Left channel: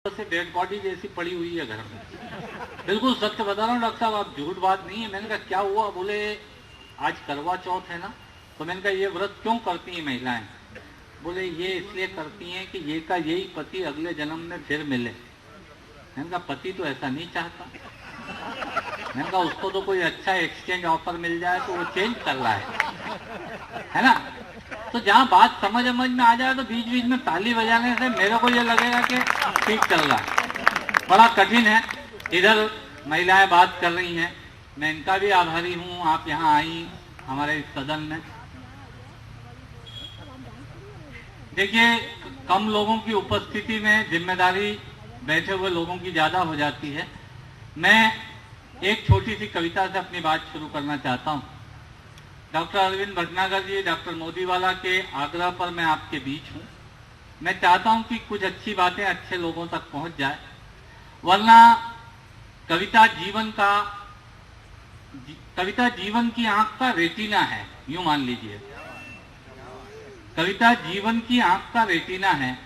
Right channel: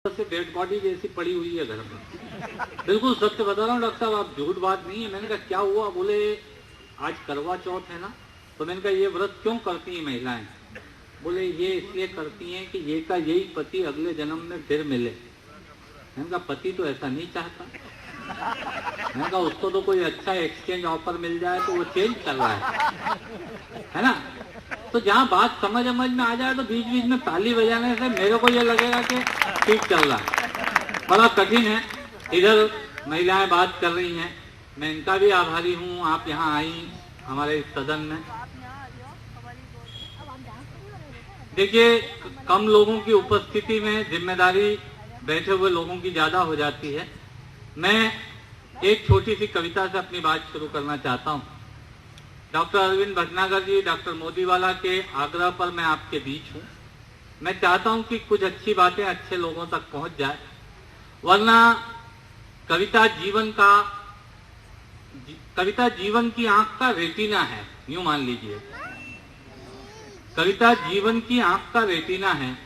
से dead body जैसी पड़ी हुई है घर में। बिल्कुल सत्य बता रहा हूँ डॉक्टर साहब, आप झूठ बात नहीं है। मैंने कहा क्या हुआ? बोले आज करवा चौथ है ना, तो मैंने कहा ये व्रत क्यों करती हैं महिलाएं? बोले ये इसलिए करती हैं कि ये का यही पति अगले जन्म में फिर मिले। मैंने कहा पति तो ऐसा नहीं चाहता। मैंने कहा उसको तो कोई अच्छा एक्सचेंज ऑफर मिल जाए तो वो चेंज कर रहा है ना। तो जहाँ बात समझ में आ जाए तो बीच बीच में ताली बजाने से मेरे को ये लगेगा कि ठीक चल रहा है। बड़ा कठिन है। इधर महिलाएं बात कर रही हैं, मैं इनका भी आभारी हूँ आप यहाँ आई हमारे इस सदन में। देखिए कम लोगों की उपस्थिति में जिम्मेदारी बैठे हुए लोगों की ज्यादा हो जाती है। मैं एक छोटी सी कविता से अपनी बात शुरू करना चाहता हूँ। डॉक्टर अरविंद भटनागर जी, डॉक्टर मोदीवाला के आग्रह पर मैं आपके बीच हूँ। मैं चाहता हूँ कि कुछ अच्छी बातें अच्छे लोगों तक पहुंच जाए, वरना कविता जीवन की आंख का रेटिना है, यूं मान लीजिए। कविता जीवन की आंख का रेटिना है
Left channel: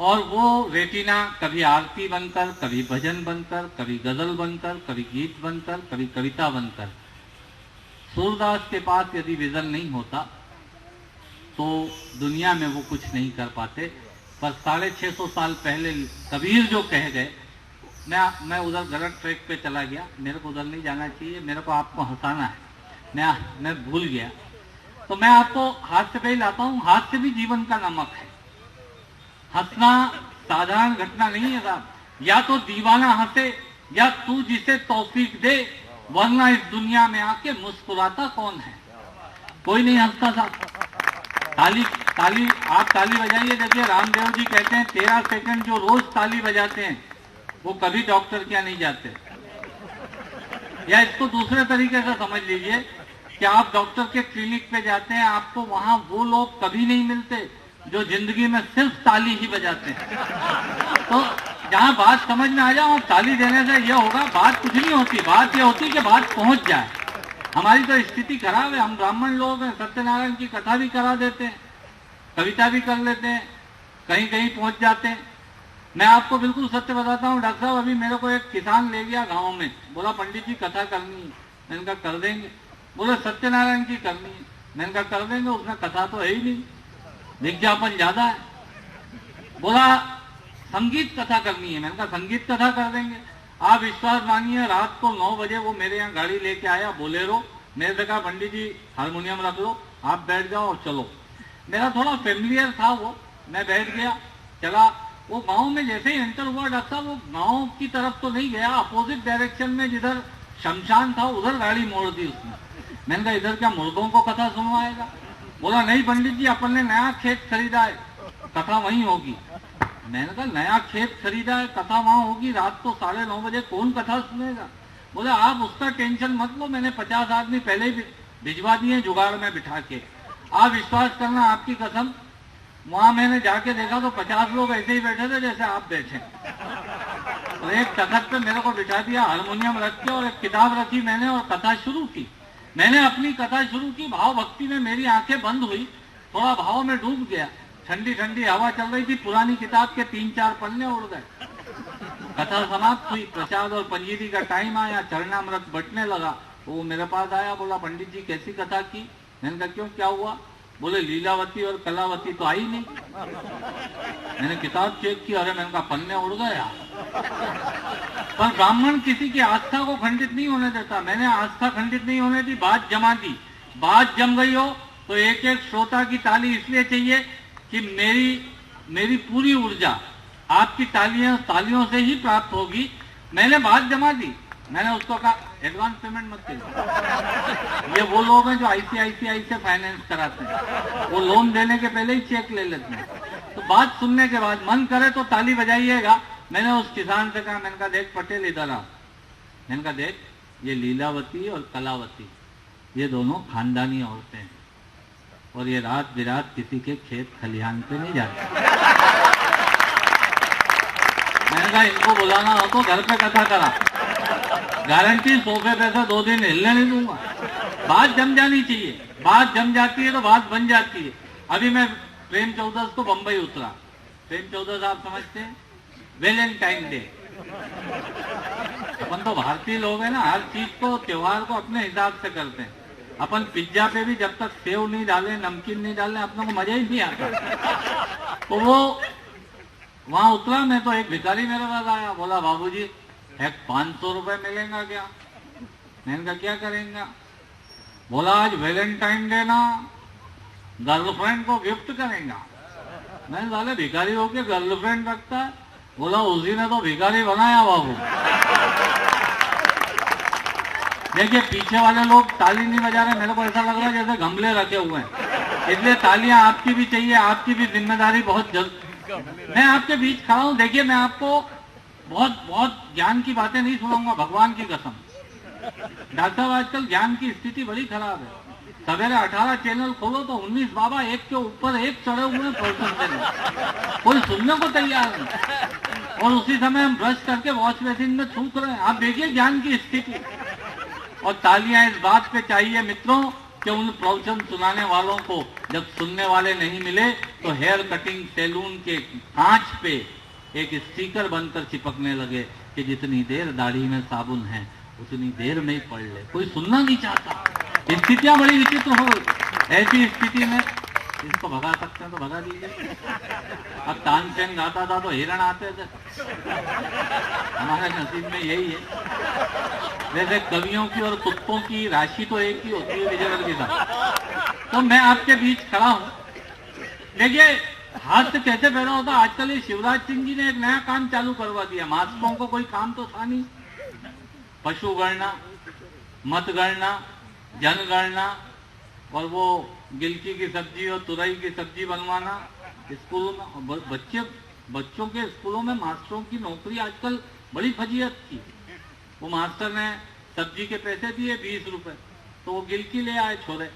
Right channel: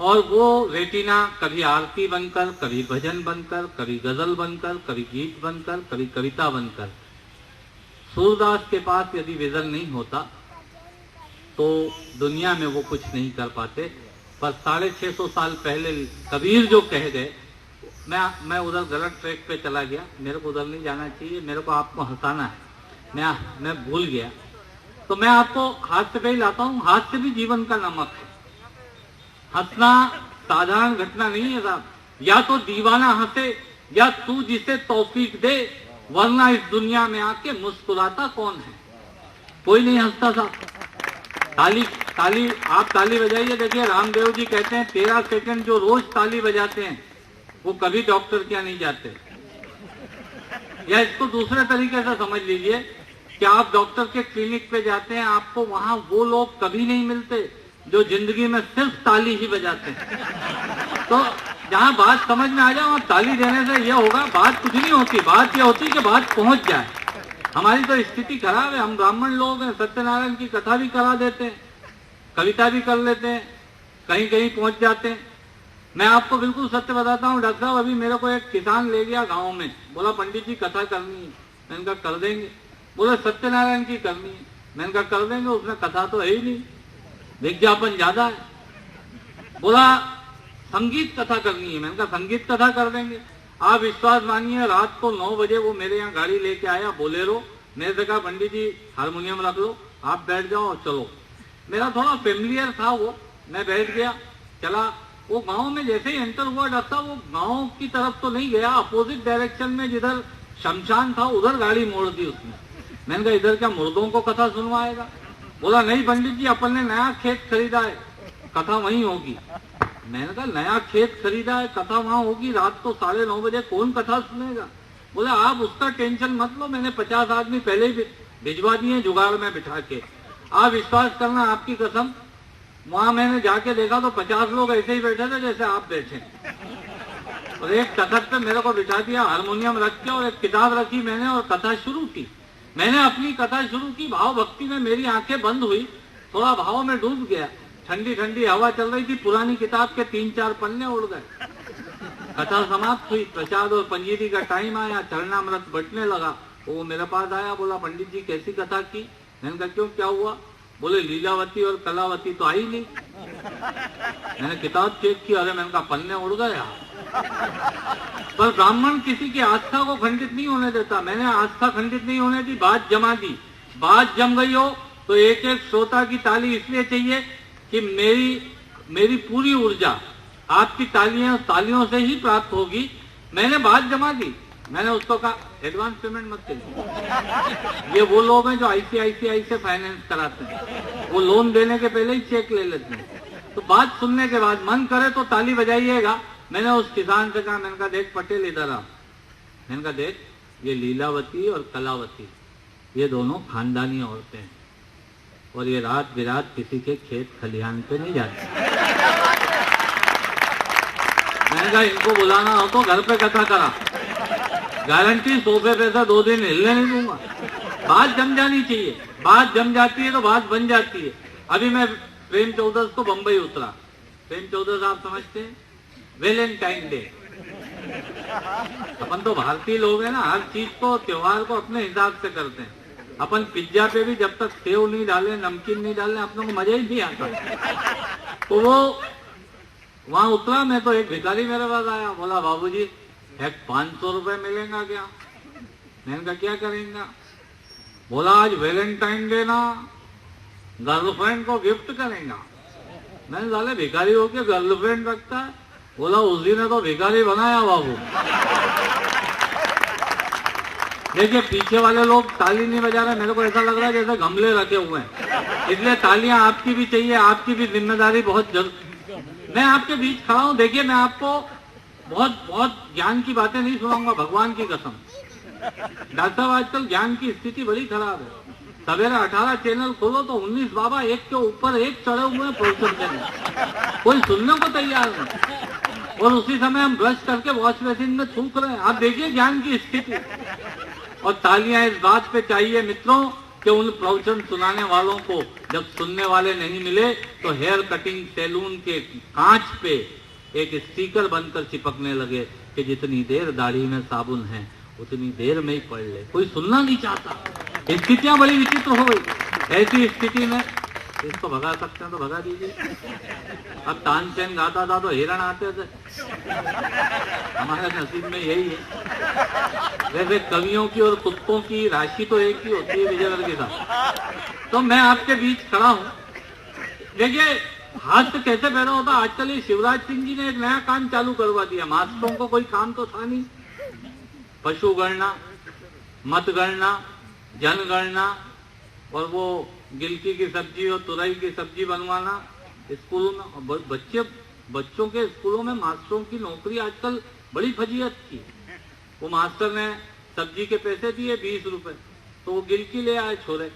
और वो रेटिना कभी आरती बनकर, कभी भजन बनकर, कभी गजल बनकर, कभी गीत बनकर, कभी कविता बनकर। सूरदास के पास यदि विजन नहीं होता तो दुनिया में वो कुछ नहीं कर पाते। पर 650 साल पहले कबीर जो कह गए, मैं उधर गलत ट्रैक पे चला गया, मेरे को उधर नहीं जाना चाहिए, मेरे को आपको हंसाना है, मैं भूल गया। तो मैं आपको हास्य पे ही लाता हूँ। हास्य भी जीवन का नमक है। हंसना साधारण घटना नहीं है साहब। या तो दीवाना हंसे या तू जिसे तौफीक दे, वरना इस दुनिया में आके मुस्कुराता कौन है? कोई नहीं हंसता साहब। ताली आप ताली बजाइए। देखिए रामदेव जी कहते हैं 13 सेकंड जो रोज ताली बजाते हैं वो कभी डॉक्टर क्या नहीं जाते। या इसको दूसरे तरीके से समझ लीजिए कि आप डॉक्टर के क्लिनिक पे जाते हैं, आपको वहां वो लोग कभी नहीं मिलते जो जिंदगी में सिर्फ ताली ही बजाते हैं। तो जहां बात समझ में आ जाओ, आप ताली देने से ये होगा, बात कुछ नहीं होती। बात ये होती कि बात पहुंच जाए। हमारी तो स्थिति खराब है। हम ब्राह्मण लोग हैं, सत्यनारायण की कथा भी करा देते हैं, कविता भी कर लेते हैं, कहीं कहीं पहुंच जाते हैं। मैं आपको बिल्कुल सत्य बताता हूँ डॉक्टर साहब, अभी मेरे को एक किसान ले गया गाँव में, बोला पंडित जी कथा करनी है। मैंने कहा कर देंगे। बोले सत्यनारायण की करनी है। मैंने कहा कर देंगे, उसमें कथा तो है ही नहीं, विज्ञापन ज्यादा है। बोला संगीत कथा करनी है। मैंने कहा संगीत कथा कर देंगे। आप विश्वास मानिए, रात को 9 बजे वो मेरे यहाँ गाड़ी लेके आया, बोलेरो। मेरे से कहा पंडित जी हारमोनियम रख लो, आप बैठ जाओ और चलो। मेरा थोड़ा फेमिलियर था वो, मैं बैठ गया, चला। वो गांव में जैसे ही एंटर हुआ डॉक्टर साहब, वो गांव की तरफ तो नहीं गया, अपोजिट डायरेक्शन में जिधर शमशान था उधर गाड़ी मोड़ दी उसने। मैंने कहा इधर क्या मुर्दों को कथा सुनवाएगा? बोला नहीं पंडित जी, अपन ने नया खेत खरीदा है, कथा वहीं होगी। मैंने कहा नया खेत खरीदा है, कथा वहां होगी, रात को 9:30 बजे कौन कथा सुनेगा? बोले आप उसका टेंशन मत लो, मैंने 50 आदमी पहले ही भिजवा दिए जुगाड़ में बिठा के। आप विश्वास करना, आपकी कसम, वहां मैंने जाके देखा तो 50 लोग ऐसे ही बैठे थे जैसे आप बैठे। और एक तखत पे मेरे को बिठा दिया, हारमोनियम रख के, और एक किताब रखी मैंने और कथा शुरू की। मैंने अपनी कथा शुरू की, भाव भक्ति में मेरी आंखें बंद हुई, थोड़ा भाव में डूब गया। ठंडी ठंडी हवा चल रही थी, पुरानी किताब के 3-4 पन्ने उड़ गए। कथा समाप्त हुई, प्रसाद और पंजीरी का टाइम आया, चरणामृत बटने लगा। वो मेरे पास आया, बोला पंडित जी कैसी कथा की? मैंने कहा क्यों, क्या हुआ? बोले लीलावती और कलावती तो आई नहीं। मैंने किताब चेक की, अरे मैंने कहा पन्ने उड़ गया। पर ब्राह्मण किसी की आस्था को खंडित नहीं होने देता। मैंने आस्था खंडित नहीं होने दी, बात जमा दी। बात जम गई हो तो एक एक श्रोता की ताली इसलिए चाहिए कि मेरी पूरी ऊर्जा आपकी तालियों से ही प्राप्त होगी। मैंने बात जमा दी। मैंने उसको कहा एडवांस पेमेंट मत करिए। ये वो लोग हैं जो ICICI से फाइनेंस कराते हैं, वो लोन देने के पहले ही चेक ले लेते हैं। तो बात सुनने के बाद मन करे तो ताली बजाइएगा। मैंने उस किसान से कहा, मैंने कहा देख पटेल इधर आ। मैंने कहा देख ये लीलावती और कलावती ये दोनों खानदानी औरतें हैं और ये रात बिरात किसी के खेत खलिहान पे नहीं जाती। मैंने कहा इनको बुलाना हो तो घर पे कथा करा, गारंटी सोफे पे से 2 दिन हिलने नहीं दूंगा। बात जम जानी चाहिए, बात जम जाती है तो बात बन जाती है। अभी मैं प्रेम चौधस को बंबई उतरा। प्रेम चौधस आप समझते हैं, वैलेंटाइन डे। अपन तो भारतीय लोग हैं ना, हर चीज को, त्योहार को अपने हिसाब से करते हैं। अपन पिज्जा पे भी जब तक सेव नहीं डाले, नमकीन नहीं डाले, अपनों को मजा ही नहीं आता। तो वो वहां उतरा, मैं तो एक भिखारी मेरे पास आया, बोला बाबूजी एक 500 रुपए मिलेगा क्या? मैंने कहा क्या करेंगे? बोला आज वैलेंटाइन डे ना, गर्लफ्रेंड को गिफ्ट करेंगे। मैंने साले भिखारी होके गर्लफ्रेंड रखता है? बोला उसी ने तो भिखारी बनाया बाबू। देखिए पीछे वाले लोग ताली नहीं बजा रहे, मेरे को ऐसा लग रहा है जैसे गमले रखे हुए हैं। इसलिए तालियां आपकी भी चाहिए, आपकी भी जिम्मेदारी बहुत जल्द। मैं आपके बीच खड़ा हूं, देखिए मैं आपको बहुत बहुत ज्ञान की बातें नहीं सुनाऊंगा, भगवान की कसम। डॉक्टर साहब आजकल ज्ञान की स्थिति बड़ी खराब है। सवेरे 18 चैनल खोलो तो 19 बाबा एक के ऊपर एक चढ़े हुए हैं प्रोफेसर में, कोई सुनने को तैयार नहीं। और उसी समय हम ब्रश करके वॉश बेसिन में थूक रहे हैं। आप देखिए ज्ञान की स्थिति। और तालियां इस बात पे चाहिए मित्रों कि उन प्रवचन सुनाने वालों को जब सुनने वाले नहीं मिले तो हेयर कटिंग सैलून के कांच पे एक स्टिकर बनकर चिपकने लगे कि जितनी देर दाढ़ी में साबुन है उतनी देर में ही पढ़ ले। कोई सुनना नहीं चाहता। स्थितियां बड़ी विचित्र हो गई। ऐसी स्थिति में इसको भगा सकते हैं तो भगा दीजिए। अब तानसेन गाता था तो हिरण आते थे, हमारे नसीब में यही है। वैसे कवियों की और कुत्तों की राशि तो एक ही होती है विजयनगर के साथ। तो मैं आपके बीच खड़ा हूं। देखिए हास्य कैसे पैदा होता। आजकल ये शिवराज सिंह जी ने एक नया काम चालू करवा दिया। मास्टरों को कोई काम तो था नहीं, पशु गणना, मतगणना, जनगणना और वो गिलकी की सब्जी और तुरई की सब्जी बनवाना स्कूलों में। बच्चों के स्कूलों में मास्टरों की नौकरी आजकल बड़ी फजीयत थी। वो मास्टर ने सब्जी के पैसे दिए 20 रुपए, तो वो गिलकी ले आए छोले।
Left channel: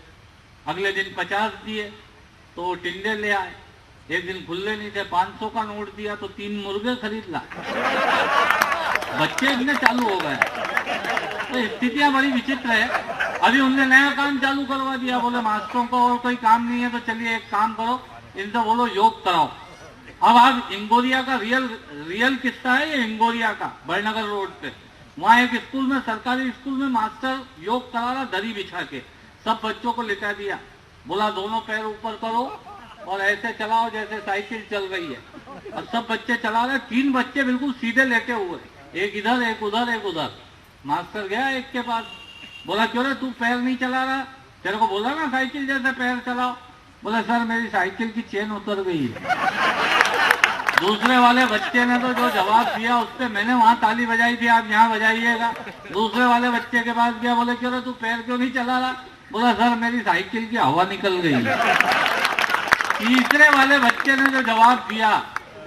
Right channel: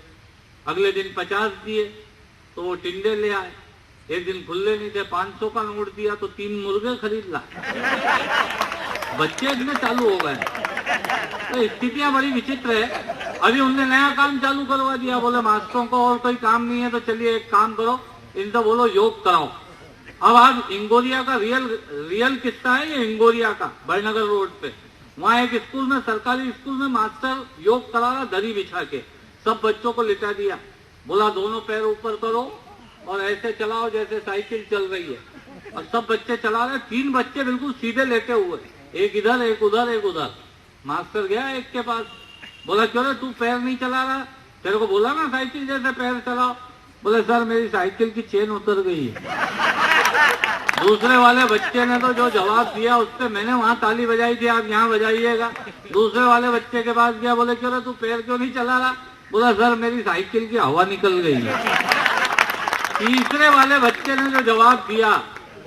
अगले दिन 50 दिए तो वो टिंडे ले आए। एक दिन खुले नहीं थे, 500 का नोट दिया तो 3 मुर्गे खरीद लाए। बच्चे इतने चालू हो गए। तो स्थितियां बड़ी विचित्र है। अभी उनने नया काम चालू करवा दिया। बोले मास्टरों को और कोई काम नहीं है तो चलिए एक काम करो, इनसे बोलो योग कराओ। अब आज इंगोरिया का रियल किस्सा है ये। इंगोरिया का बड़नगर रोड पे वहां एक स्कूल में, सरकारी स्कूल में मास्टर योग करा रहा दरी बिछा के। सब बच्चों को लिटा दिया। बोला दोनों पैर ऊपर करो और ऐसे चलाओ जैसे साइकिल चल रही है। और सब बच्चे चला रहे। 3 बच्चे बिल्कुल सीधे लेटे हुए, एक इधर एक उधर एक उधर। मास्टर गया एक के पास, बोला क्यों रे तू पैर नहीं चला रहा? तेरे को बोला ना साइकिल जैसे पैर चलाओ। बोले सर मेरी साइकिल की चेन उतर गई। दूसरे वाले बच्चे ने तो जो जवाब दिया उससे मैंने वहां ताली बजाई थी, आप यहाँ बजाइएगा। दूसरे वाले बच्चे के पास गया, बोले क्यों रे तू पैर क्यों नहीं चला रहा? बोला सर मेरी साइकिल की हवा निकल गई। तीसरे वाले बच्चे ने जो जवाब दिया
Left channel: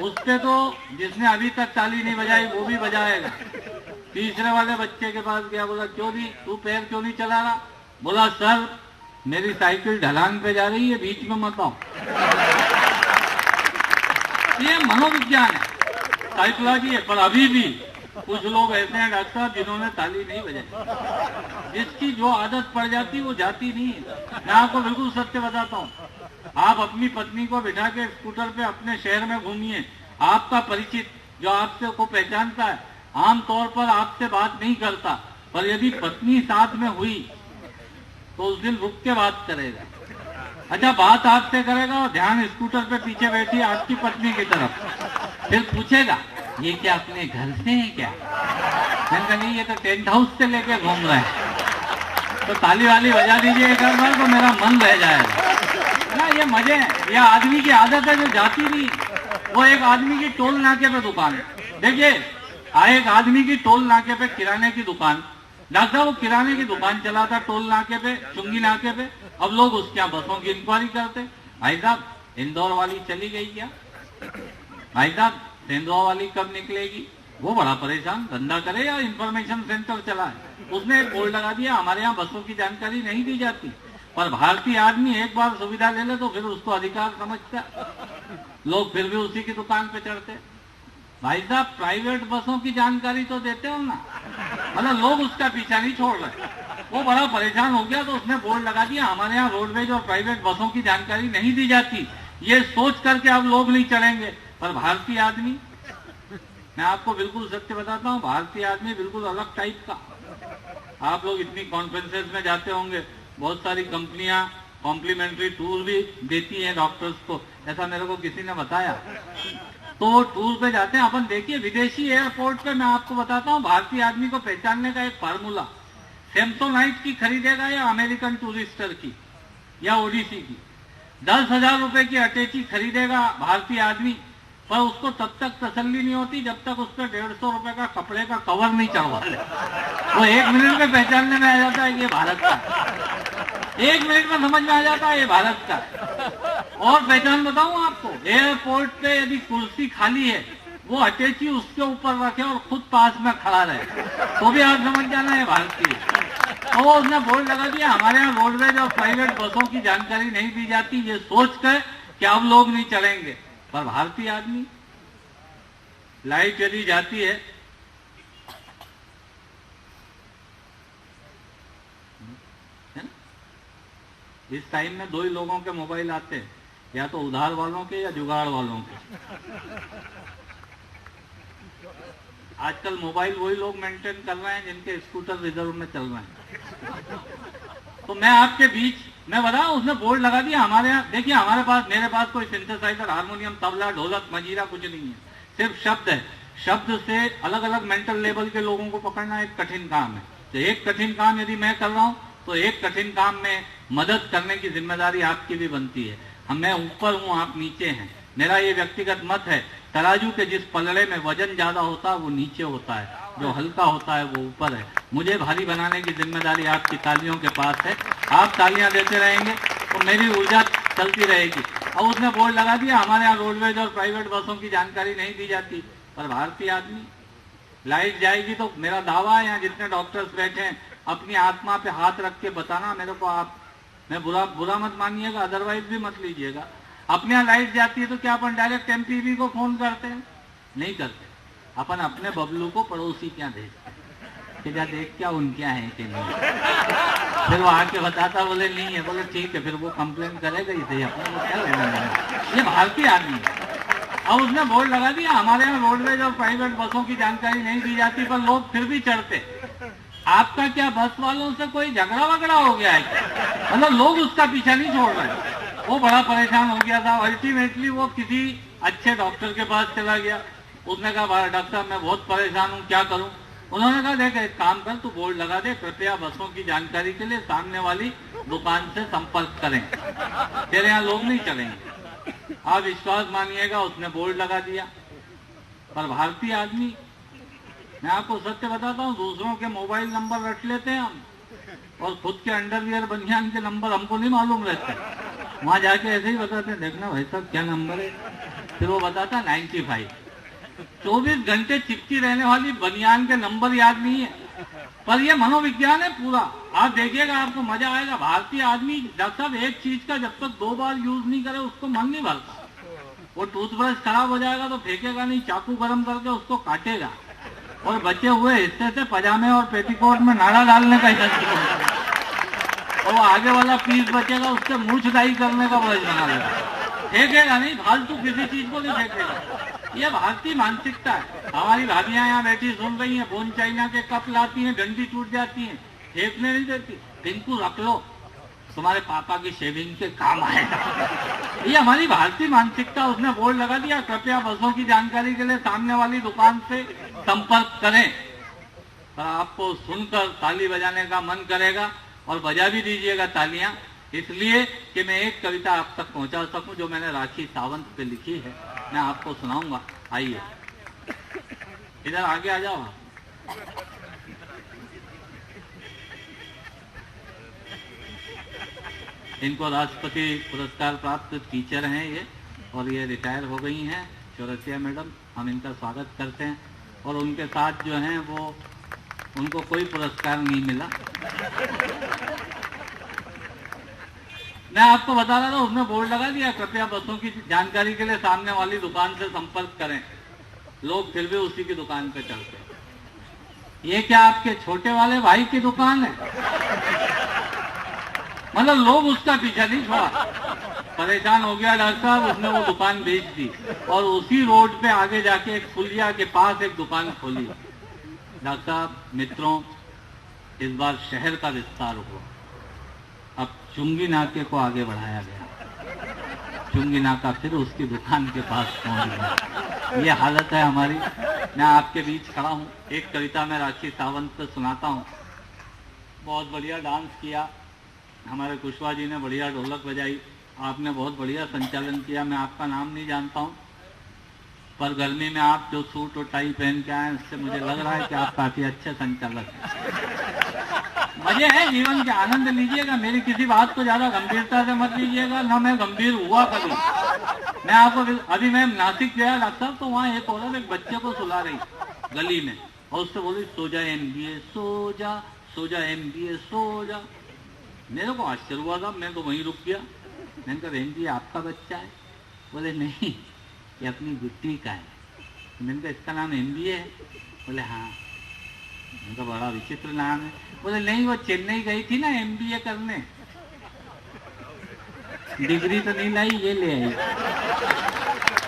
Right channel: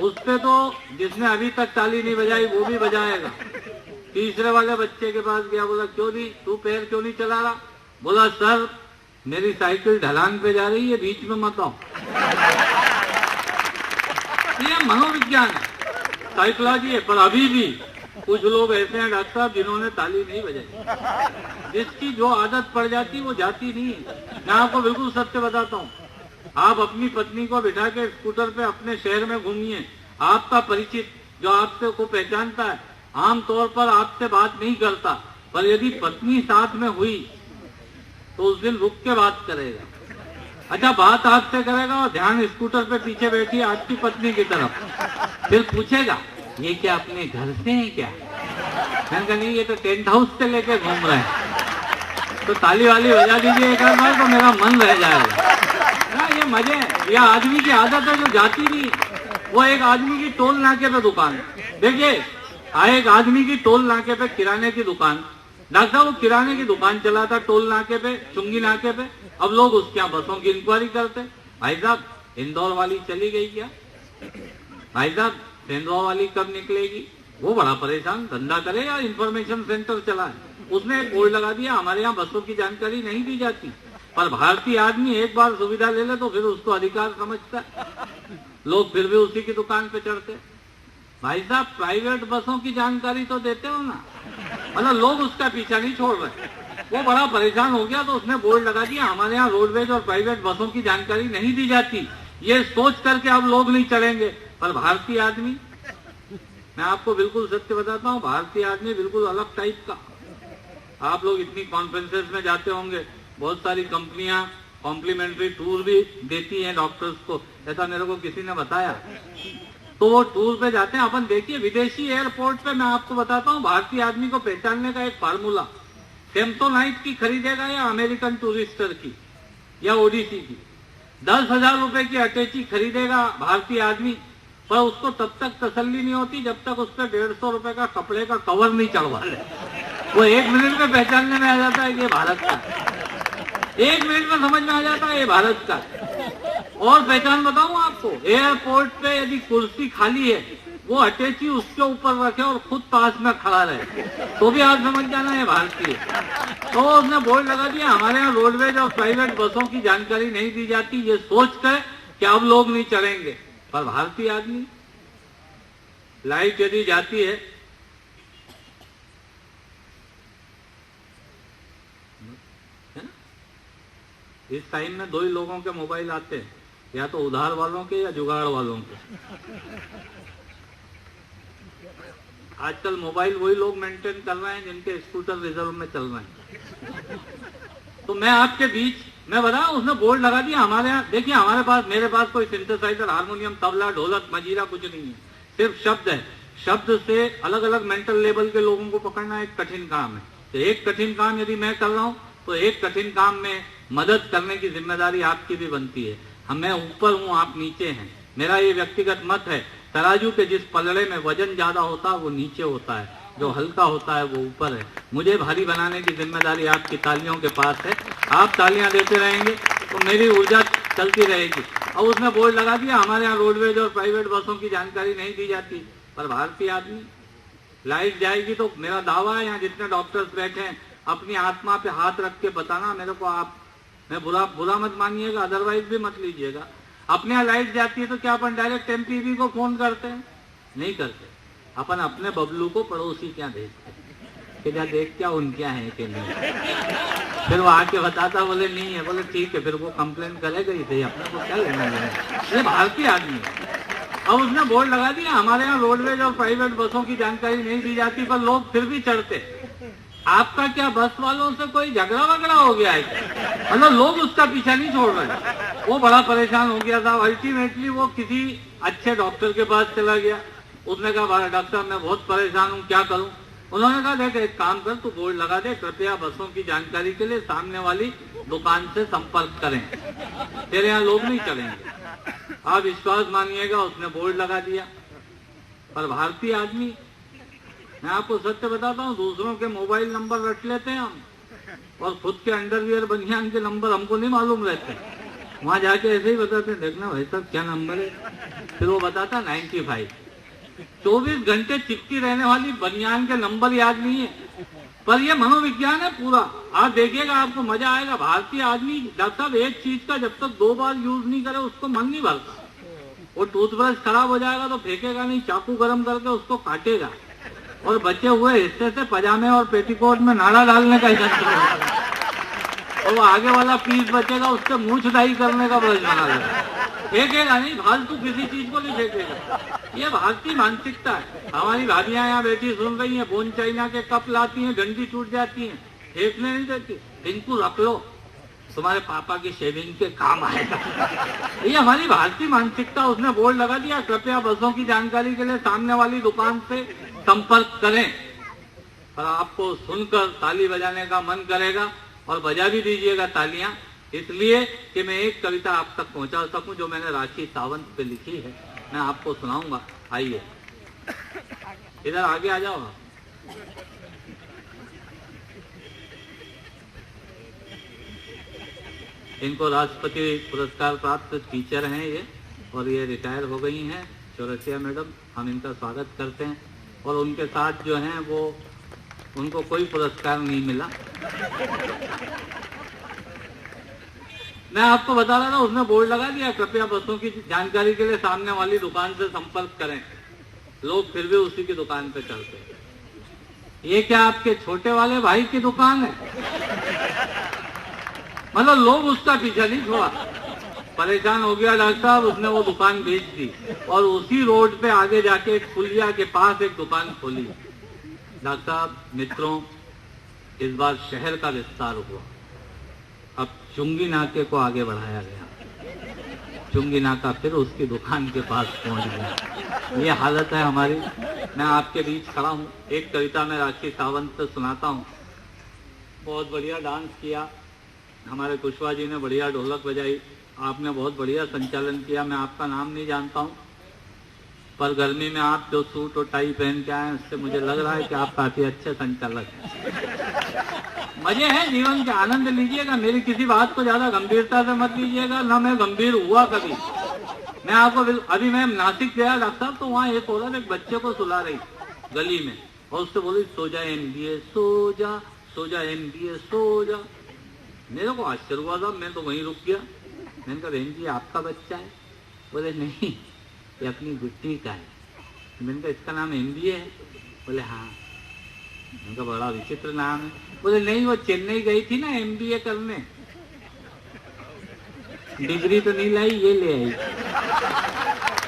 उससे तो जिसने अभी तक ताली नहीं बजाई वो भी बजाएगा। तीसरे वाले बच्चे के पास गया, बोला क्यों नहीं, तू पैर क्यों नहीं चला रहा? बोला सर मेरी साइकिल ढलान पे जा रही है, बीच में मत आओ। ये मनोविज्ञान है, साइकोलॉजी है। पर अभी भी कुछ लोग ऐसे हैं डॉक्टर साहब जिन्होंने ताली नहीं बजाई। जिसकी जो आदत पड़ जाती वो जाती नहीं है। मैं आपको बिल्कुल सत्य बताता हूँ। आप अपनी पत्नी को बिठा के स्कूटर पे अपने शहर में घूमिए। आपका परिचित जो आपसे को पहचानता है आमतौर पर आपसे बात नहीं करता, पर यदि पत्नी साथ में हुई तो उस दिन रुक के बात करेगा। अच्छा बात आपसे करेगा और ध्यान स्कूटर पे पीछे बैठी आपकी पत्नी की तरफ। फिर पूछेगा ये क्या अपने घर से है क्या? मैंने कहा नहीं ये तो टेंट हाउस से लेके घूम रहे हैं। तो ताली वाली बजा दीजिए एक बार तो मेरा मन रह जाएगा। ये मजे हैं। यह आदमी की आदत है जो जाती नहीं। वो एक आदमी की टोल नाके पे दुकान, देखिए एक आदमी की टोल नाके पे किराने की दुकान। डॉक्टर वो किराने की दुकान चलाता टोल नाके पे, चुंगी नाके पे। अब लोग उसके यहाँ बसों की इंक्वायरी करते, भाई साहब इंदौर वाली चली गई क्या? भाई साहब इंदौर वाली कब निकलेगी? वो बड़ा परेशान, धंधा करे या इंफॉर्मेशन सेंटर चलाए। उसने एक बोर्ड लगा दिया हमारे यहाँ बसों की जानकारी नहीं दी जाती। पर भारतीय आदमी एक बार सुविधा ले ले तो फिर उसको अधिकार समझता है। लोग फिर भी उसी की दुकान पे चढ़ते। भाई साहब प्राइवेट बसों की जानकारी तो देते हो ना। मतलब लोग उसका पीछा नहीं छोड़ रहे। वो बड़ा परेशान हो गया तो उसने बोर्ड लगा दिया हमारे यहाँ रोडवेज और प्राइवेट बसों की जानकारी नहीं दी जाती। ये सोच करके अब लोग नहीं चढ़ेंगे। पर भारतीय आदमी मैं आपको बिल्कुल सत्य बताता हूँ, भारतीय आदमी बिल्कुल अलग टाइप का। आप लोग इतनी कॉन्फ्रेंसेस में जाते होंगे, बहुत सारी कंपनियां कॉम्प्लीमेंट्री टूर भी देती हैं डॉक्टर्स को, ऐसा मेरे को किसी ने बताया। तो वो टूर पे जाते हैं। अपन देखिए विदेशी एयरपोर्ट पे, मैं आपको बताता हूँ भारतीय आदमी को पहचानने का एक फार्मूला, सैमसोनाइट की खरीदेगा या अमेरिकन टूरिस्टर की या ओडिसी की, 10,000 रुपए की अटैची खरीदेगा भारतीय आदमी, पर उसको तब तक तसल्ली नहीं होती जब तक उस पर 150 रुपए का कपड़े का कवर नहीं चढ़वा ले। वो 1 मिनट में पहचानने में आ जाता है ये भारत का, 1 मिनट में समझ में आ जाता है ये भारत का। और पहचान बताऊं आपको, एयरपोर्ट पे यदि कुर्सी खाली है, वो अटैची उसके ऊपर रखे और खुद पास में खड़ा रहे, तो भी आप समझ जाना है भारतीय। तो उसने बोर्ड लगा दिया, हमारे यहाँ रोडवेज और प्राइवेट बसों की जानकारी नहीं दी जाती, ये सोचकर कि अब लोग नहीं चलेंगे। पर भारतीय आदमी, लाइट यदि जाती है, इस टाइम में 2 ही लोगों के मोबाइल आते हैं, या तो उधार वालों के या जुगाड़ वालों के। आजकल मोबाइल वही लोग मेंटेन कर रहे हैं जिनके स्कूटर रिजर्व में चल रहे हैं। तो मैं आपके बीच मैं बता, उसने बोर्ड लगा दिया हमारे यहाँ। देखिए हमारे पास, मेरे पास कोई सिंथेसाइजर, हारमोनियम, तबला, ढोलक, मंजीरा कुछ नहीं है, सिर्फ शब्द है। शब्द से अलग अलग मेंटल लेवल के लोगों को पकड़ना एक कठिन काम है। तो एक कठिन काम यदि मैं कर रहा हूँ, तो एक कठिन काम में मदद करने की जिम्मेदारी आपकी भी बनती है। मैं ऊपर हूँ, आप नीचे हैं। मेरा ये व्यक्तिगत मत है, तराजू के जिस पलड़े में वजन ज्यादा होता है वो नीचे होता है, जो हल्का होता है वो ऊपर है। मुझे भारी बनाने की जिम्मेदारी आपकी तालियों के पास है। आप तालियां देते रहेंगे तो मेरी ऊर्जा चलती रहेगी। और उसने बोर्ड लगा दिया, हमारे यहाँ रोडवेज और प्राइवेट बसों की जानकारी नहीं दी जाती। पर भारतीय आदमी, लाइट जाएगी तो मेरा दावा है, यहाँ जितने डॉक्टर्स बैठे हैं, अपनी आत्मा पे हाथ रख के बताना मेरे को। आप, मैं बुरा मत मानिएगा, अदरवाइज भी मत लीजिएगा। अपने यहाँ लाइट जाती है तो क्या अपन डायरेक्ट एमपीबी को फोन करते हैं? नहीं करते। अपन अपने बबलू को पड़ोसी क्या भेजते हैं कि जा देख क्या उनके यहाँ है कि नहीं। फिर वो आके बताता, बोले नहीं है, बोले ठीक है, फिर वो कंप्लेन करेगा ही सही, अपने को क्या लेना है। ये भारतीय आदमी। अब उसने बोर्ड लगा दिया, हमारे यहाँ रोडवेज और प्राइवेट बसों की जानकारी नहीं दी जाती, पर लोग फिर भी चढ़ते। आपका क्या बस वालों से कोई झगड़ा वगड़ा हो गया है? मतलब लोग उसका पीछा नहीं छोड़ रहे। वो बड़ा परेशान हो गया था। अल्टीमेटली वो किसी अच्छे डॉक्टर के पास चला गया। उसने कहा, डॉक्टर मैं बहुत परेशान हूँ, क्या करूँ? उन्होंने कहा, देख एक काम कर, तू बोर्ड लगा दे, कृपया बसों की जानकारी के लिए सामने वाली दुकान से संपर्क करें, तेरे यहाँ लोग नहीं चलेंगे। आप विश्वास मानिएगा, उसने बोर्ड लगा दिया। पर भारतीय आदमी, मैं आपको सत्य बताता हूँ, दूसरों के मोबाइल नंबर रट लेते हैं हम, और खुद के अंडरवियर बनियान के नंबर हमको नहीं मालूम रहते। वहां जाके ऐसे ही बताते, देखना भाई साहब क्या नंबर है, फिर वो बताता 95। 24 घंटे चिपकी रहने वाली बनियान के नंबर याद नहीं है। पर ये मनोविज्ञान है पूरा। आप देखिएगा, आपको मजा आएगा। भारतीय आदमी, डॉक्टर साहब, एक चीज का जब तक 2 बार यूज नहीं करे उसको मन नहीं भरता। वो टूथब्रश खराब हो जाएगा तो फेंकेगा नहीं, चाकू गरम करके उसको काटेगा, और बचे हुए हिस्से से पजामे और पेटीकोट में नाड़ा डालने का हिस्सा, और वो आगे वाला पीस बचेगा उससे मूंछ दाई करने का ब्रश बना लेगा। फेंकेगा नहीं, फालतू किसी चीज को नहीं फेंकेगा। ये भारतीय मानसिकता है। हमारी भाभियां यहाँ बैठी सुन रही हैं, बोन चाइना के कप लाती हैं, डंडी टूट जाती हैं, फेंकने नहीं देती। इनको रख लो, तुम्हारे पापा की शेविंग के काम आएगा। ये हमारी भारतीय मानसिकता। उसने बोर्ड लगा दिया, कृपया बसों की जानकारी के लिए सामने वाली दुकान से संपर्क करें। पर आपको सुनकर ताली बजाने का मन करेगा, और बजा भी दीजिएगा तालियां, इसलिए कि मैं एक कविता आप तक पहुंचा सकूं जो मैंने राखी सावंत पे लिखी है। मैं आपको सुनाऊंगा। आइए इधर आगे आ जाओ। इनको राष्ट्रपति पुरस्कार प्राप्त टीचर हैं ये, और ये रिटायर हो गई हैं, चौरसिया मैडम। हम इनका स्वागत करते हैं। और उनके साथ जो हैं वो, उनको कोई पुरस्कार नहीं मिला। मैं आपको बता रहा था, उसने बोर्ड लगा दिया, कृपया बसों की जानकारी के लिए सामने वाली दुकान से संपर्क करें। लोग फिर भी उसी की दुकान पे चलते। ये क्या आपके छोटे वाले भाई की दुकान है? मतलब लोग उसका पीछा नहीं छोड़ा। परेशान हो गया डॉक्टर साहब, उसने वो दुकान बेच दी और उसी रोड पे आगे जाके एक पुलिया के पास एक दुकान खोली। डॉक्टर साहब, मित्रों, इस बार शहर का विस्तार हुआ। अब चुंगी नाके को आगे बढ़ाया गया। चुंगी नाका फिर उसकी दुकान के पास पहुंच गया। ये हालत है हमारी। मैं आपके बीच खड़ा हूँ। एक कविता मैं राखी सावंत से सुनाता हूँ। बहुत बढ़िया डांस किया हमारे कुशवाहा जी ने, बढ़िया ढोलक बजाई, आपने बहुत बढ़िया संचालन किया। मैं आपका नाम नहीं जानता हूँ, पर गर्मी में आप जो सूट और टाई पहन के आए उससे मुझे लग रहा है कि आप काफी अच्छे संचालक हैं। मजे हैं जीवन के, आनंद लीजिएगा। मेरी किसी बात को ज्यादा गंभीरता से मत लीजिएगा, ना मैं गंभीर हुआ कभी। मैं आपको अभी मैं नासिक गया डॉक्टर साहब, तो वहाँ एक औरत एक बच्चे को सुला रही गली में और उससे बोली सो जा MBA, सो जा, सो जा MBA, सो जा। मेरे को आश्चर्य हुआ था, मैं तो वहीं रुक गया। मैंने कहा बहन जी आपका बच्चा है? बोले नहीं, ये अपनी गुट्टी का है। मैंने कहा इसका नाम MBA है? बोले हाँ। मैंने कहा बड़ा विचित्र नाम है। बोले नहीं, वो चेन्नई गई थी ना MBA करने, डिग्री तो नहीं लाई, ये ले आई,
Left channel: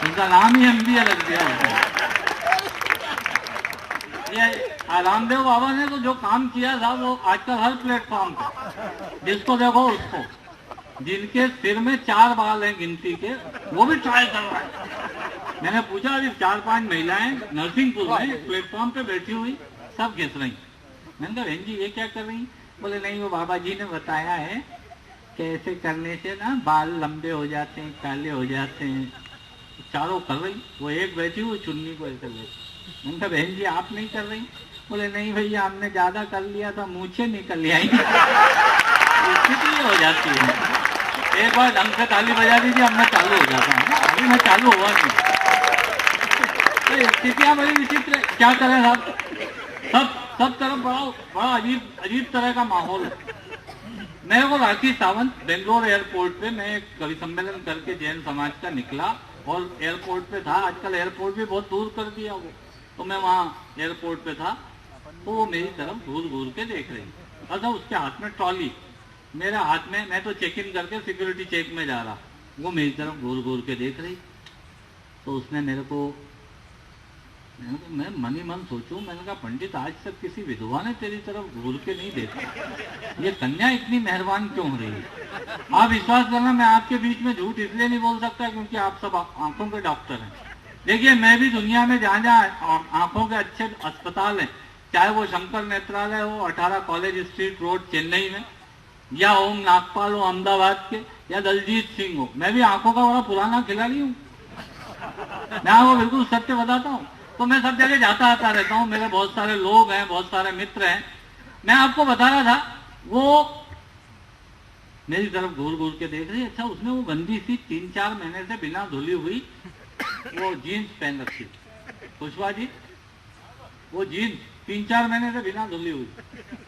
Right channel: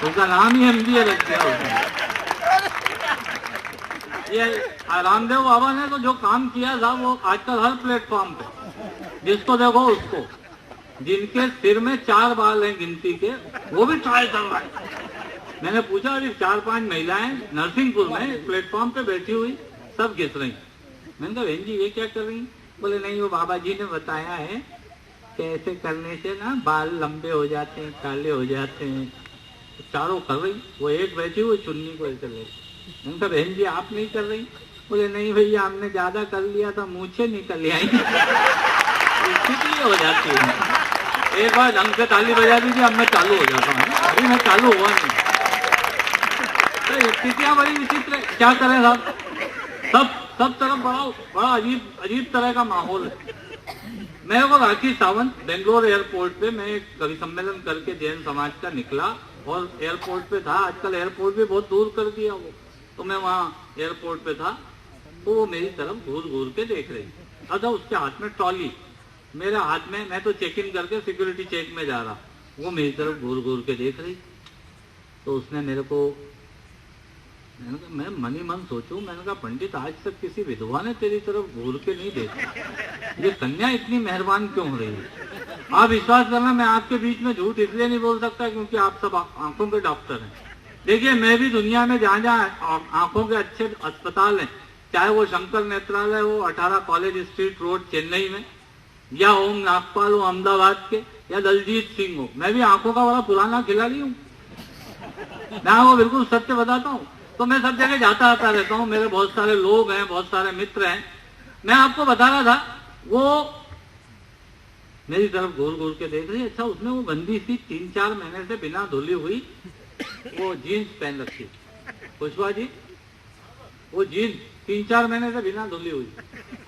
उसका नाम ही MBA रख दिया उसने। ये रामदेव बाबा ने तो जो काम किया था वो आजकल हर प्लेटफॉर्म पे जिसको देखो उसको, जिनके सिर में 4 बाल हैं गिनती के, वो भी ट्राई कर रहा है। मैंने पूछा अभी 4-5 महिलाएं नरसिंहपुर में प्लेटफॉर्म पे बैठी हुई सब घिस रही। मैंने कहा बहन जी ये क्या कर रही? बोले नहीं, वो बाबा जी ने बताया है कि ऐसे करने से ना बाल लंबे हो जाते हैं, काले हो जाते हैं। चारों कर रही, वो एक बैठी हुई चुन्नी को ऐसे ले। मैंने कहा बहन जी आप नहीं कर रही? बोले नहीं भैया, हमने ज्यादा कर लिया था, मूछें निकल आई। कितनी हो जाती है, एक बार ढंग से ताली बजा दीजिए, अब मैं चालू हो जाता हूँ। अभी मैं चालू हुआ नहीं। तो स्थितियाँ बड़ी विचित्र, क्या करें साहब, सब तरफ बड़ा अजीब तरह का माहौल है। मेरे को राखी सावंत बेंगलोर एयरपोर्ट पे, मैं एक कवि सम्मेलन करके जैन समाज का निकला और एयरपोर्ट पे था। आजकल एयरपोर्ट भी बहुत दूर कर दिया वो, तो मैं वहाँ एयरपोर्ट पे था, तो वो मेरी तरफ घूर घूर के देख रही। अच्छा, उसके हाथ में ट्रॉली, मेरे हाथ में, मैं तो चेक इन करके सिक्योरिटी चेक में जा रहा, वो मेरी तरफ घूर घूर के देख रही। तो उसने मेरे को, मैं मन ही मन सोचूं, मैंने कहा पंडित आज तक किसी विधवा ने तेरी तरफ घूर के नहीं देखा, ये कन्या इतनी मेहरबान क्यों हो रही है? आप विश्वास करना, मैं आपके बीच में झूठ इसलिए नहीं बोल सकता क्योंकि आप सब आंखों के डॉक्टर हैं। देखिए, मैं भी दुनिया में जहाँ जहाँ आंखों के अच्छे अस्पताल हैं, चाहे वो शंकर नेत्रालय हो 18 कॉलेज स्ट्रीट रोड चेन्नई में, या ओम नागपाल हो अहमदाबाद के, या दलजीत सिंह हो, मैं भी आंखों का बड़ा पुराना खिलाड़ी हूँ। मैं आपको बिल्कुल सत्य बताता हूँ। तो मैं सब जगह जाता आता रहता हूँ, मेरे बहुत सारे लोग हैं, बहुत सारे मित्र हैं। मैं आपको बता रहा था, वो मेरी तरफ घूर घूर के देख रही। अच्छा, उसने वो गंदी सी 3-4 महीने से बिना धुली हुई वो जीन्स पहन रखी। कुशवाहा जी, वो जीन्स 3-4 महीने से बिना धुली हुई।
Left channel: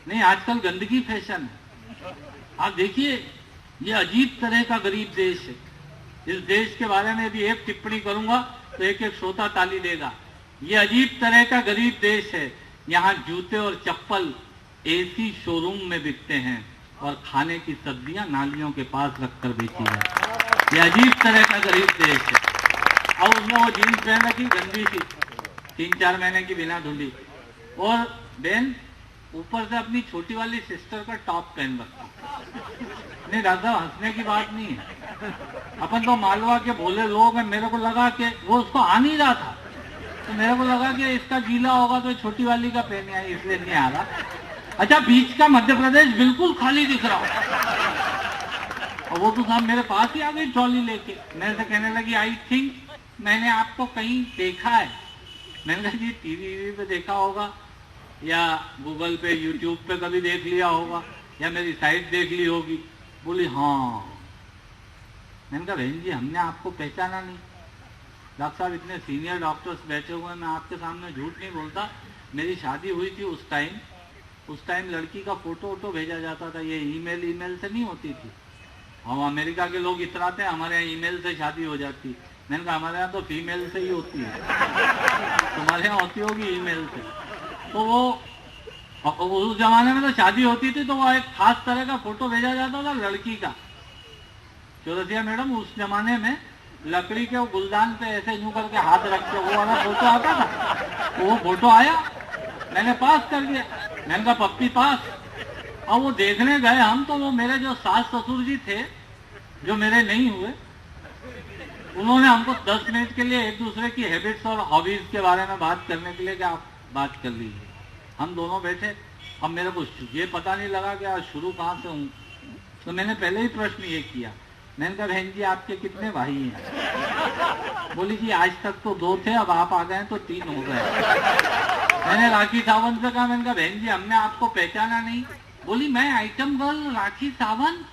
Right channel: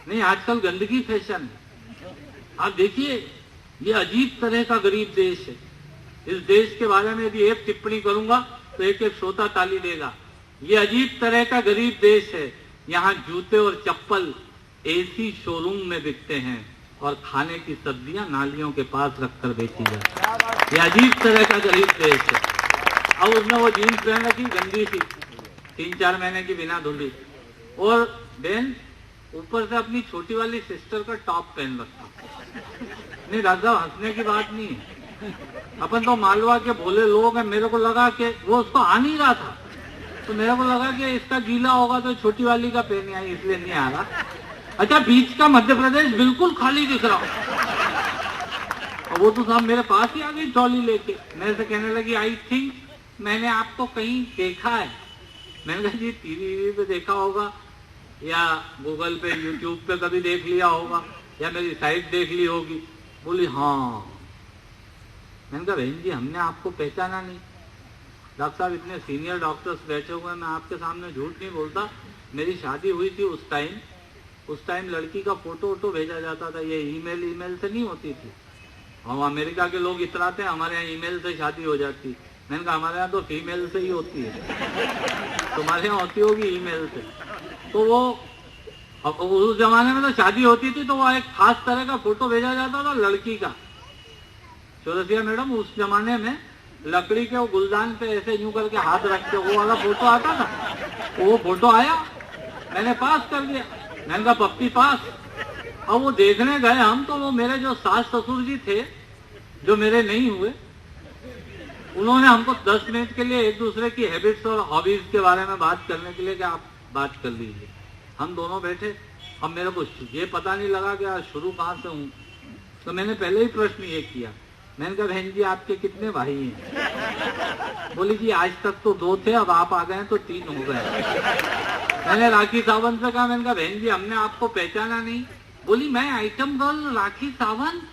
नहीं, आजकल गंदगी फैशन है। आप देखिए, ये अजीब तरह का गरीब देश है। इस देश के बारे में भी एक टिप्पणी करूंगा तो एक एक श्रोता ताली देगा। ये अजीब तरह का गरीब देश है। यहाँ जूते और चप्पल AC शोरूम में बिकते हैं और खाने की सब्जियां नालियों के पास रखकर बेची जाती। ये अजीब तरह का गरीब देश है। और उसने वो जीन्स पहन रखी गंदी सी 3-4 महीने की बिना धुली, और बहन ऊपर से अपनी छोटी वाली सिस्टर का टॉप पहन रखा। नहीं राजा, हंसने की बात नहीं है, अपन तो मालवा के भोले लोग हैं। मेरे को लगा कि वो उसको आ नहीं रहा था, तो मेरे को लगा कि इसका गीला होगा तो छोटी वाली का पहने आई, इसलिए नहीं आ रहा। अच्छा, बीच का मध्य प्रदेश बिल्कुल खाली दिख रहा और वो तो साहब मेरे पास ही आ गई ट्रॉली लेके। मेरे से कहने लगी आई थिंक मैंने आपको कहीं देखा है। मैंने कहा जी टीवी पे देखा होगा, या गूगल पे यूट्यूब पे कभी देख लिया होगा, या मेरी साइट देख ली होगी। बोली हाँ। मैंने कहा बहन जी हमने आपको पहचाना नहीं। डॉक्टर साहब इतने सीनियर डॉक्टर्स बैठे हुए, मैं आपके सामने झूठ नहीं बोलता। मेरी शादी हुई थी उस टाइम लड़की का फोटो भेजा जाता था, ये ईमेल से नहीं होती थी। और अमेरिका के लोग इतराते हैं हमारे यहाँ ईमेल से शादी हो जाती। मैंने कहा हमारे यहाँ तो फीमेल से ही होती है, तुम्हारे यहाँ होती होगी ईमेल से। तो वो उस जमाने में तो शादी होती थी तो वो एक खास तरह का फोटो भेजा जाता था लड़की का। चौरसिया मैडम, उस जमाने में लकड़ी के वो गुलदान पे ऐसे यूं करके हाथ रख के वो वाला फोटो आता था, तो वो फोटो आया, मैंने पास कर दिया। मैंने कहा पप्पी पास। अब वो देखने गए हम, तो वो मेरे जो सास ससुर जी थे, जो मेरे नहीं हुए, उन्होंने हमको 10 मिनट के लिए एक दूसरे की हैबिट्स और हॉबीज के बारे में बात करने के लिए कि आप बात कर लीजिए। हम दोनों बैठे। अब मेरे को ये पता नहीं लगा कि आज शुरू कहाँ से हूँ, तो मैंने पहले ही प्रश्न ये किया। मैंने कहा बहन जी आपके कितने भाई हैं? बोली जी आज तक तो 2 थे, अब आप आ गए तो 3 हो गए। मैंने राखी सावंत से कहा, मैंने कहा बहन जी हमने आपको पहचाना नहीं। बोली मैं आइटम गर्ल राखी सावंत,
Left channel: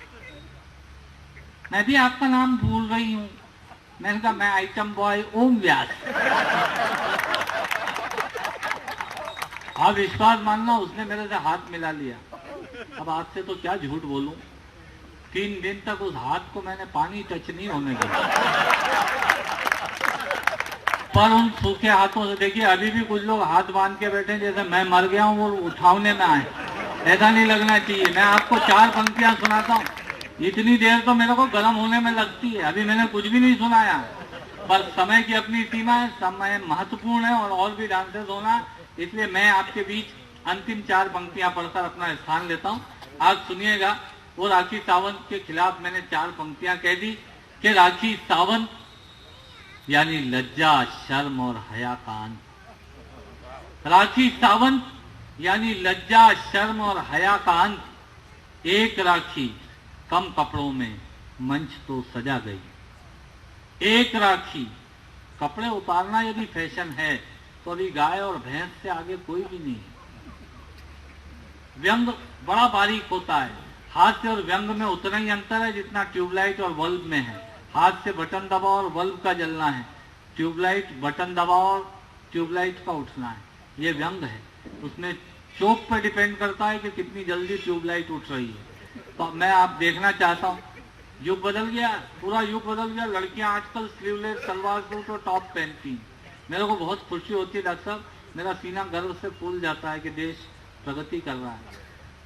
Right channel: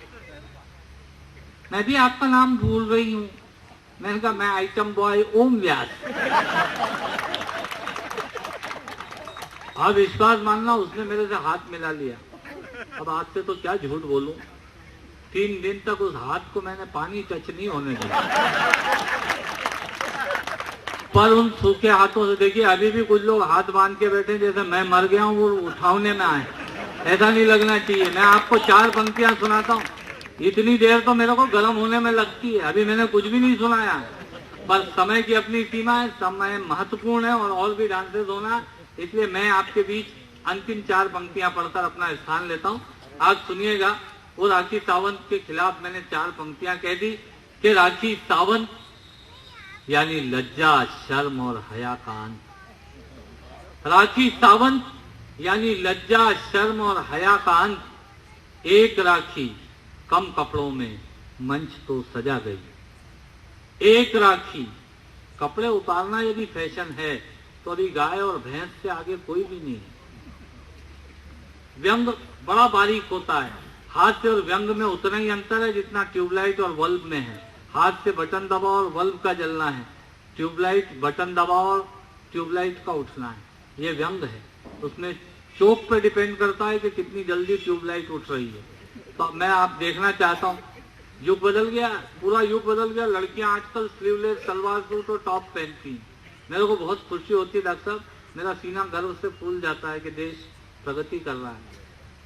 मैं भी आपका नाम भूल रही हूँ। मैंने कहा मैं आइटम बॉय ओम व्यास। आप विश्वास मानना, उसने मेरे से हाथ मिला लिया। अब आपसे तो क्या झूठ बोलूं, 3 दिन तक उस हाथ को मैंने पानी टच नहीं होने दिया। पर उन सूखे हाथों से, देखिए अभी भी कुछ लोग हाथ बांध के बैठे जैसे मैं मर गया हूं, वो उठाने में आए। ऐसा नहीं लगना चाहिए। मैं आपको 4 पंक्तियां सुनाता हूं, इतनी देर तो मेरे को गर्म होने में लगती है। अभी मैंने कुछ भी नहीं सुनाया, पर समय की अपनी सीमा है, समय महत्वपूर्ण है और भी डांसेस होना, इसलिए मैं आपके बीच अंतिम 4 पंक्तियां पढ़कर अपना स्थान लेता हूं। आज सुनिएगा, वो राखी सावंत के खिलाफ मैंने 4 पंक्तियां कह दी कि राखी सावंत यानी लज्जा, शर्म और हया का अंत। राखी सावंत यानी लज्जा, शर्म और हया का अंत। एक राखी कम कपड़ों में मंच तो सजा गई। एक राखी, कपड़े उतारना यदि फैशन है तो अभी गाय और भैंस से आगे कोई भी नहीं है। व्यंग बड़ा बारीक होता है, हास्य और व्यंग में उतना ही अंतर है जितना ट्यूबलाइट और बल्ब में है। हाथ से बटन दबाओ और बल्ब का जलना है, ट्यूबलाइट बटन दबाओ और ट्यूबलाइट का उठना है। ये व्यंग है, उसमें चौक पर डिपेंड करता है कि कितनी जल्दी ट्यूबलाइट उठ रही है। तो मैं आप देखना चाहता हूँ, युग बदल गया, पूरा युग बदल गया। लड़कियां आजकल स्लीवलेस सलवार सूट और टॉप पहनती हैं। मेरे को बहुत खुशी होती है डॉक्टर साहब, मेरा सीना गर्व से फूल जाता है कि देश प्रगति कर रहा है।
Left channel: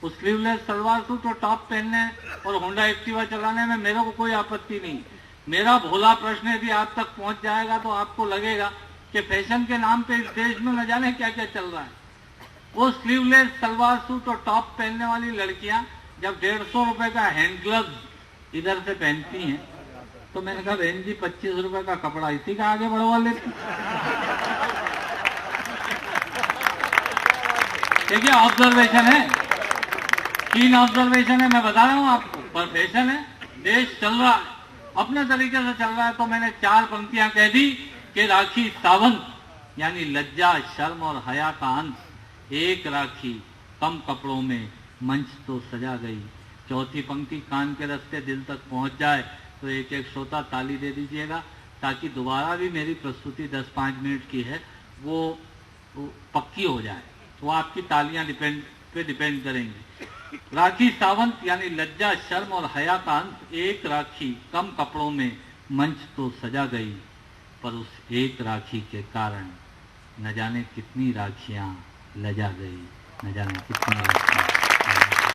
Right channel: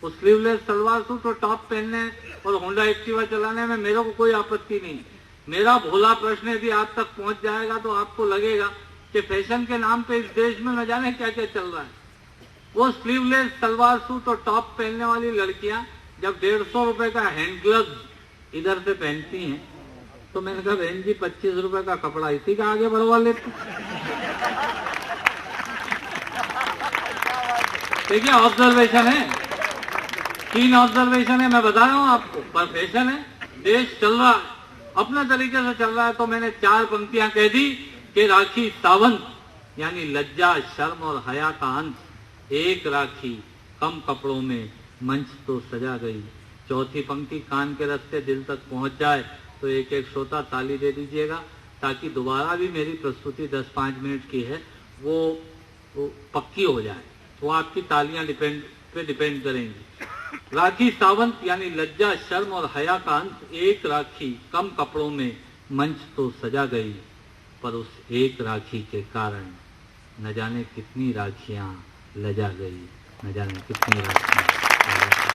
वो स्लीवलेस सलवार सूट और टॉप पहनने और होंडा एक्टिवा चलाने में मेरे को कोई आपत्ति नहीं। मेरा भोला प्रश्न यदि आप तक पहुंच जाएगा तो आपको लगेगा कि फैशन के नाम पे इस देश में न जाने क्या क्या चल रहा है। वो स्लीवलेस सलवार सूट और टॉप पहनने वाली लड़कियां जब 150 रुपए का हैंड ग्लव्स इधर से पहनती हैं, तो मैंने कहा बहन जी 25 रुपए का कपड़ा इसी का आगे बढ़वा लेती। देखिए ऑब्जर्वेशन है, 3 ऑब्जर्वेशन है, मैं बता रहा हूं आपको, पर फैशन है, देश चल रहा है, अपने तरीके से चल रहा है। तो मैंने 4 पंक्तियां कह दी कि राखी सावंत यानी लज्जा, शर्म और हया का अंत। एक राखी कम कपड़ों में मंच तो सजा गई। चौथी पंक्ति कान के रास्ते दिल तक पहुंच जाए तो एक एक श्रोता ताली दे दीजिएगा, ताकि दोबारा भी मेरी प्रस्तुति 10-5 मिनट की है वो पक्की हो जाए। तो आपकी तालियां डिपेंड करेंगी। राखी सावंत यानी लज्जा, शर्म और हया का अंत। एक राखी कम कपड़ों में मंच तो सजा गई, पर उस एक राखी के कारण न जाने कितनी राखियां लजा गई, न जाने कितनी राखियां